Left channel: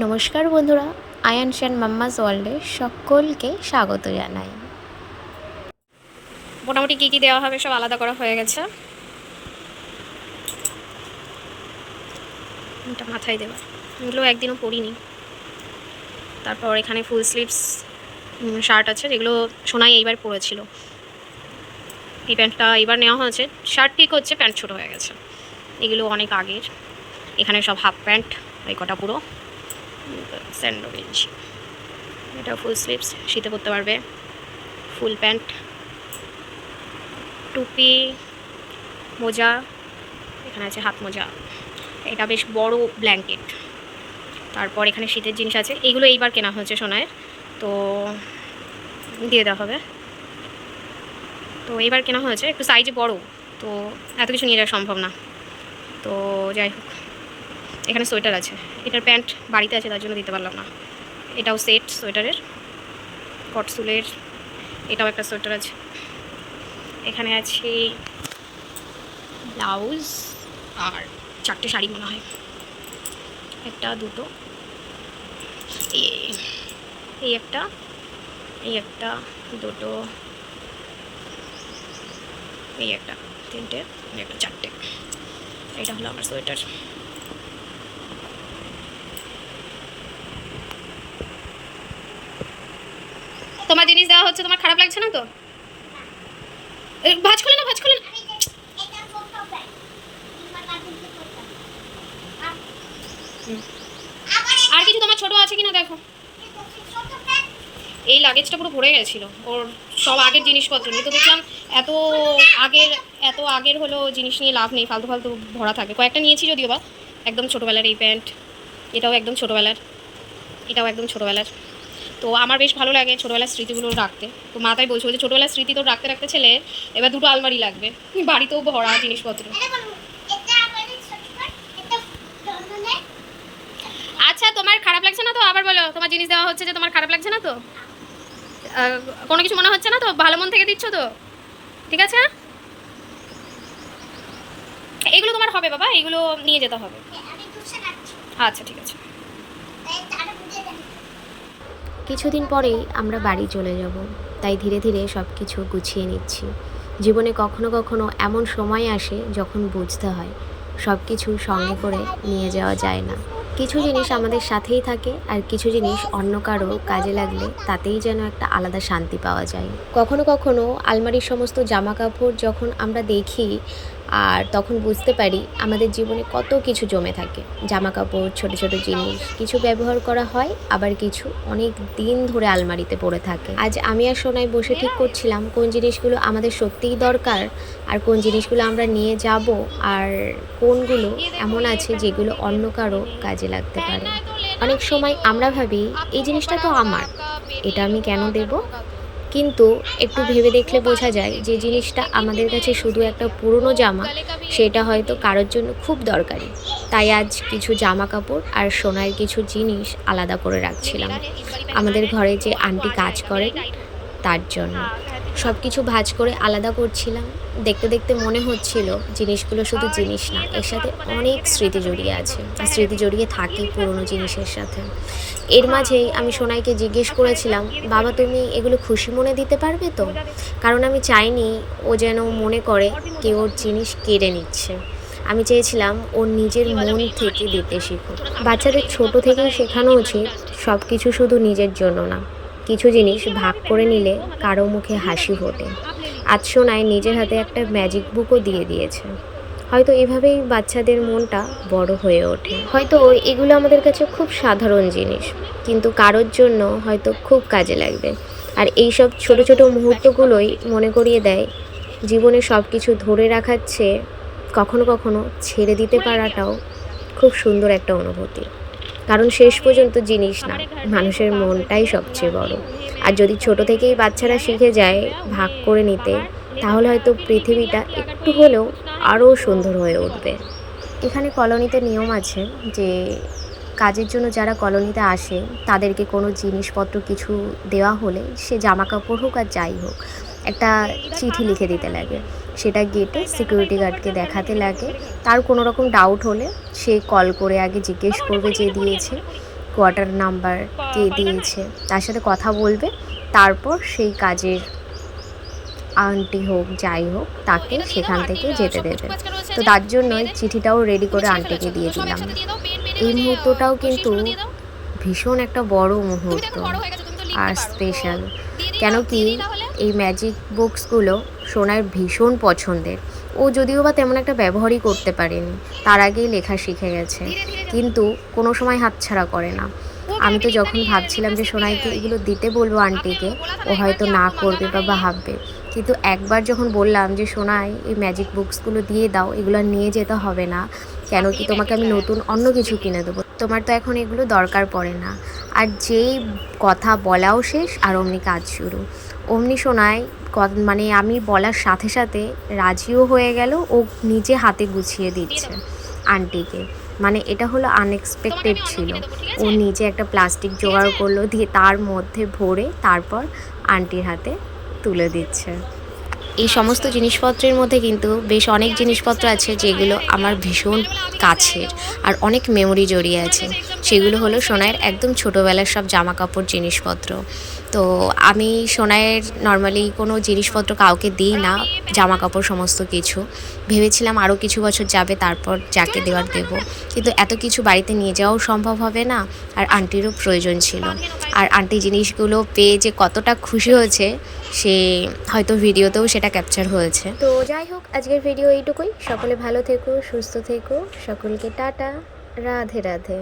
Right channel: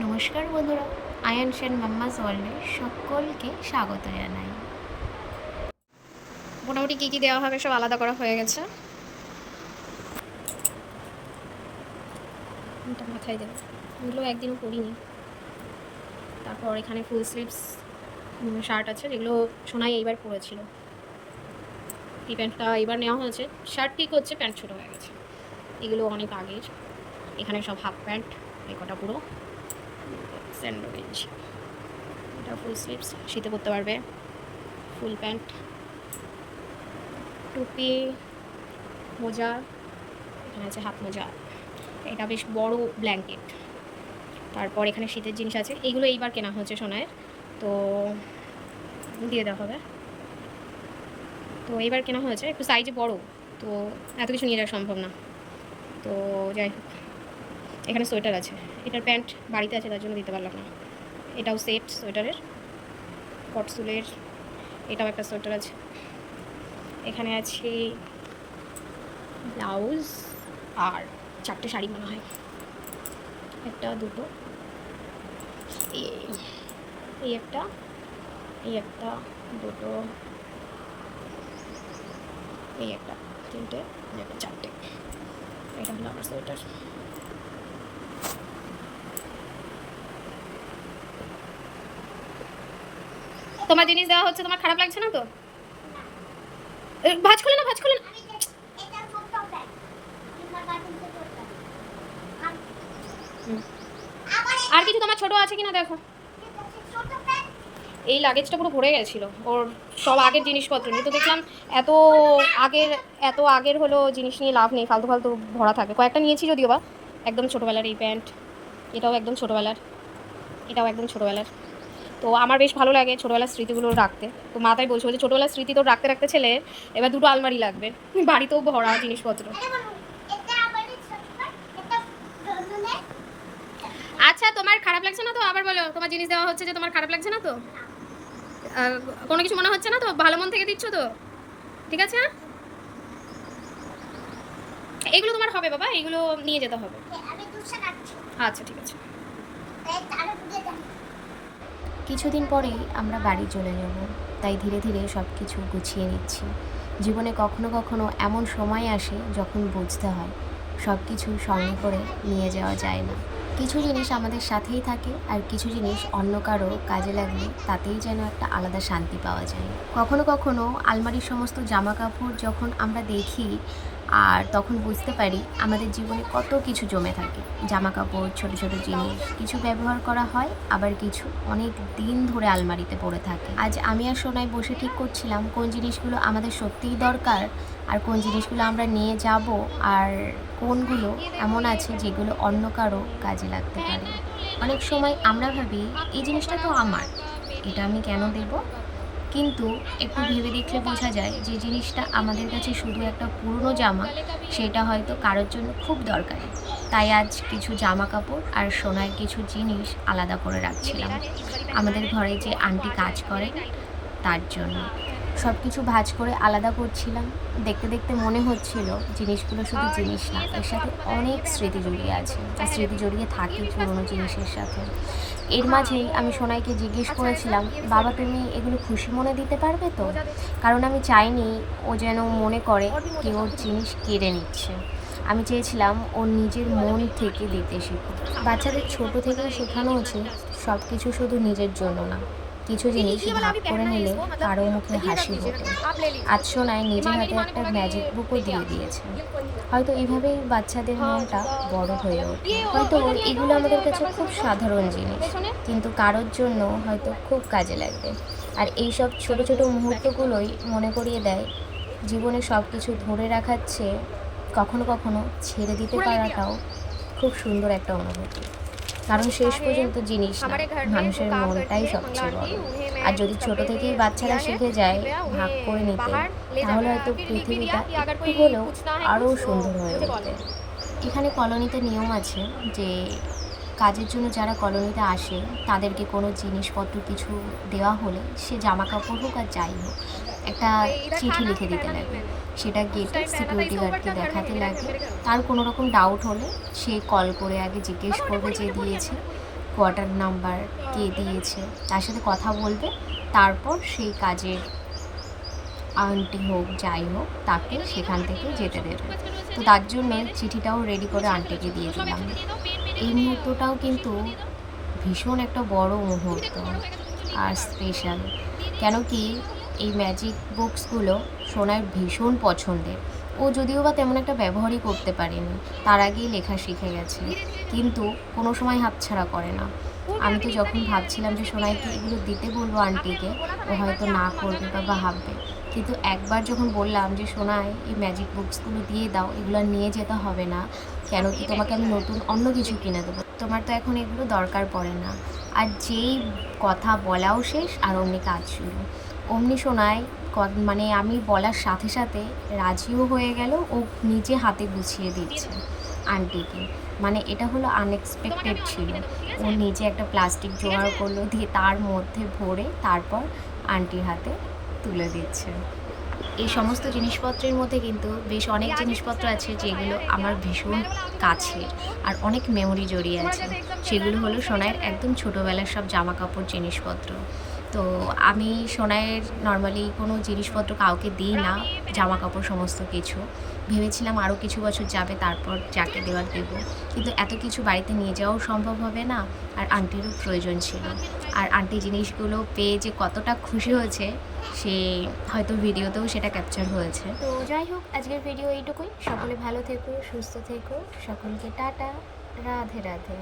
নমস্কার বন্ধুরা, আয়ানস and mamma's ওয়ার্ল্ডে সকলকে স্বাগত জানাই। মোটামুটি কী কী দেওয়া হবে সব আলাদা করা হয়ে গেছে। এটা মাথায় দেওয়া, এগুলো একদিনও পরিনি। তারপর এখানে ফুল স্লিভস শার্ট আছে, যেগুলো সোনাই এইবার পরেছিল। এই প্যান্টটা এইবার নেওয়া হয়েছে, শার্ট ঠিক হচ্ছে, প্যান্ট ছোটো হয়ে গেছে। এগুলো অনেক আগের। এখানে সব হাফ প্যান্ট, এই কটা পুরো স্যান্ডো গেঞ্জি। এটা ফুল স্লিভস, শীতে পরতে পারবে। ফুল প্যান্ট, টুপি, মোজা, এখানে আছে হাত মোজা। এটা বেশ বড় ব্ল্যাঙ্কেট। তারপর এখানে শীতের জিনিস আছে, এইগুলো এইবার কেনা হয়েছে সোনায়ের, তো দিয়ে দেওয়া হবে। তো এইবার কেনা হয়েছে, একটু সাইজে বড়, তো এত কিছু নিয়ে যাওয়া সম্ভব না। তো যাই হোক, এখানে সোয়েটার আছে। এটার প্যান্ট বাড়িতে আছে, তার জন্য দিতে পারলাম না। এটাও সেট সোয়েটারের, কটসুলের। এটাও একটা সোয়েটার আছে। এখানে আছে ব্লাউজ আর 4টে শাড়ি মনে হয়, একটা দুটো, এই একটা, এই একটা, দুটো, এই একটা, 3টে, এই একটা, 4টে। এটা হলো আমার সোয়েটার। তোমার জিনিস দেওয়া হচ্ছে, তোমার খারাপ লাগছে না তো? ভাঁজ খুলে না, ভাঁজ খুলে না। আর কিছু তোমার ছোট আছে কিনা দেখো। এই লাগেজটা পুরো ভরে গেছিলো ওর, সব আগের জিনিসপত্র নিয়ে। তো দেখলাম এত আগের হলো জিনিস নিয়ে লাভ নেই, ফালতু ফালতু ভরা থাকে। কয়েকটা নিয়েছি যদিও বা, একদম ছোটোবেলার এই প্যান্ট, এটাও একদম ছোটোবেলার, এটাও একদম ছোটোবেলার। তো আমার বেশ ভালো লাগে ছোটোবেলার স্মৃতিগুলো রাখতে। তো মা তাই বলছিল যে ছোটোবেলার স্মৃতি তো রাখতে রাখতে ছেলের এবার 2টো আলমারি লাগবে, বাড়িতেও ভরা জিনিসপত্র। আচ্ছা, তোমার খারাপ লাগছে না তো? আবার বলো, তোমার জিনিস দেওয়া হচ্ছে যে তোমার খারাপ লাগছে না তো? কোনো কিছু মনে হচ্ছে না তো? ভালো মন থেকে দিচ্ছ তো? ঠিক আছে, এগুলো তোমার হবে বাবা, এগুলো নিয়ে যেতে হবে। আচ্ছা ঠিক আছে। কিছুদিন পরেই আমরা বাড়ি চলে যাব, তাই ধীরে ধীরে সব কিছু গুছিয়ে নিচ্ছি। জীবনে কখনো কখনো এমন সময় আসে যখন বুঝতে হয় সব কিছু সঙ্গে করে নিয়ে যাওয়া যায় না। কিছু জিনিস আমাদের সাথেই থাকে, আর কিছু জিনিস অন্য কারো কাজে লাগলে তাতেই যেন একটা আলাদা শান্তি পাওয়া যায়। কখনো কখনো আলমারির সমস্ত জামা কাপড় যখন আমরা দেখি, আর তখন বুঝতে পারি আমাদের জীবনে কত কিছু জমে থাকে। জামা কাপড়, ছোট ছোট জিনিস, কিছু ব্যবহার করা হয়, আবার কিছু অনেক দিন ধরে আলমারিতে পড়ে থাকে। আজ আমি আর সোনাই বসে ঠিক করছিলাম কোন জিনিসগুলো আমাদের সত্যিই দরকার, আর কোন জিনিসগুলো আমরা নিয়ে যাব, আর কোনগুলো এমন আছে যেগুলো অন্য কারো কাজে লাগতে পারে। অনেক সময় আমরা ভাবি এই জিনিসটা তো আমার, এটা আমি কেন দেব? কিন্তু একটু ভেবে দেখলে বোঝা যায় যে জিনিসটা আমাদের কাছে শুধু একটা পুরনো জামা, সেটা হয়তো কারোর জন্য খুব দরকারি। তাই আজ কিছু জামা কাপড় আর সোনার কিছু জিনিস আলাদা করে রাখছিলাম আমাদের ঘরে যে আন্টি কাজ করে তার জন্য। সব কিছু ভাঁজ করে আলাদা করছিলাম। দেখতে দেখতে মনে হচ্ছিল জিনিসগুলো শুধু জিনিস না, এর সাথে অনেক স্মৃতি জড়িয়ে আছে, আর স্মৃতি জড়িয়ে থাকে পুরনো জিনিসের সাথে। এর মাঝেই আমি সোনাইকে জিজ্ঞেস করেছিলাম, বাবা তুমি এগুলো খুশি মনে দিতে পারবে তো? কারণ আমি চাইনি ও যেন মনে করে কেউ ওর জিনিস কেড়ে নিচ্ছে। আমি চেয়েছিলাম ওর নিজের মন থেকে দিতে শিখুক। বাচ্চাদের ছোট থেকেই শেখানো উচিত সব কিছু শুধু নিজের জন্য না, কিছু জিনিস ভাগ করে নিলে কারো মুখে হাসি ফোটে। আজ সোনাই নিজের হাতে একটা ম্যাজিক বুকও দিয়ে দিয়েছে। হয়তো এভাবেই বাচ্চাদের মনটা বড় হয়ে ওঠে। হয়তো এগুলো আমাদের কাছে খুব সাধারণ জিনিস, কিন্তু কারোর জন্য হয়তো খুব কাজে লাগবে। আর এই সব ছোট ছোট মুহূর্তগুলোই মনে করিয়ে দেয় জীবনে সব কিছু ধরে রাখার চেয়ে কখনো কখনো ছেড়ে দিতে পারাটাও খুব সুন্দর একটা অনুভূতি। কারণ শেষ পর্যন্ত জিনিস না, মানুষের মনটাই সবচেয়ে বড়। আর যদি ছোট থেকেই বাচ্চারা শিখে যায় ভাগ করে নিতে, তাহলে হয়তো পৃথিবীটা একটু হলেও আরও সুন্দর হয়ে উঠবে। এখানে কলোনিতে নিয়ম আছে যে কাজের জন্য যারা কলোনিতে আসে তাদেরকে কোনো জিনিসপত্র কিছু দেওয়া হলে, সে জামা কাপড় হোক আর যাই হোক, একটা চিঠি লিখে দিতে লাগে। সেটা গেটে সিকিউরিটি গার্ডকে দেখাতে লাগে। তার কোনো রকম ডাউট হলে সে কল করে আগে জিজ্ঞেস করবে যে দিয়েছে, কোয়ার্টার নাম্বার কে দিয়েছে তার সাথে কথা বলবে, তারপর সেই কাজের আন্টি হোক যাই হোক তাকে সেখান থেকে যেতে দেবে। তো তার জন্যই চিঠিটাও রেডি করে আন্টিকে দিয়ে দিলাম। এই মুহূর্তটাও কিন্তু ভীষণ একটা বড় মুহূর্ত আর স্পেশাল, কেন কি এই ম্যাজিক বুকসগুলো সোনার ভীষণ পছন্দের। ও যদিও বা তেমন একটা ব্যবহারই করতে পারেনি, তার আগেই লেখা শিখে গেছে, কিন্তু কোনো সময় হাতছাড়া করে না। আমি তো যখন ভাবছিলাম যে সোনাইকে এগুলো দিতে বলবো আন্টিকে, ও হয়তো না করবে বা ভাববে, কিন্তু একবার যখন বললাম যে সোনাই এই ম্যাজিক বুকসগুলো দিয়ে দাও, এগুলো নিয়ে যেতে হবে না, কেন কি তোমাকে আমি নতুন অন্য কিছু কিনে দেবো, তোমার তো এখন এগুলো দরকার পড়ে না। আর যেই কথা বলাও শেষ আর অমনি কাজ শুরু। অমনি সোনাই মানে আমি বলার সাথে সাথে রাজিও হয়ে গেল, ও নিজে হাতে গুছিয়ে দিচ্ছে আন্টিকে। মানে এটা হলো আনএক্সপেক্টেড ছিল। ও নিজে একটা প্লাস্টিক জোগাড় করলো, দিয়ে তার মধ্যে ভরে তারপর আন্টির হাতে তুলে দিচ্ছে। এই সমস্ত জিনিসপত্রের মধ্যে কিন্তু বেশ অনেক জিনিসপত্র আছে যেগুলো আমার ভীষণ কাছের আর অনেক মেমোরি জড়িয়ে আছে। সেগুলো হলো সোনাইয়ের একদম ছোটোবেলার সব জামা কাপড় জিনিসপত্র। তো আমি সোনাইয়ের নর্মালি কোনো জিনিসপত্র কাউকে দিই না, জামা কাপড় সমস্ত কিছু। ভেবেছিলাম আরও কিছু বছর যাবে তারপর যাকে দেওয়ার দেবো, কিন্তু এত কিছু বাড়িতে নিয়ে যাওয়াও সম্ভব হবে না, আর আন্টিরও প্রয়োজন ছিল। আর আন্টি জিনিসগুলো পেয়ে যে কতটা খুশি হয়েছে সে হয়তো ভিডিওতেও সেটা ক্যাপচার হয়েছে। তো যাই হোক, আজকের ভিডিও এইটুকুই। সকলে ভালো থেকো, সুস্থ থেকো, সকলকে টাটা, রাধে রাধে।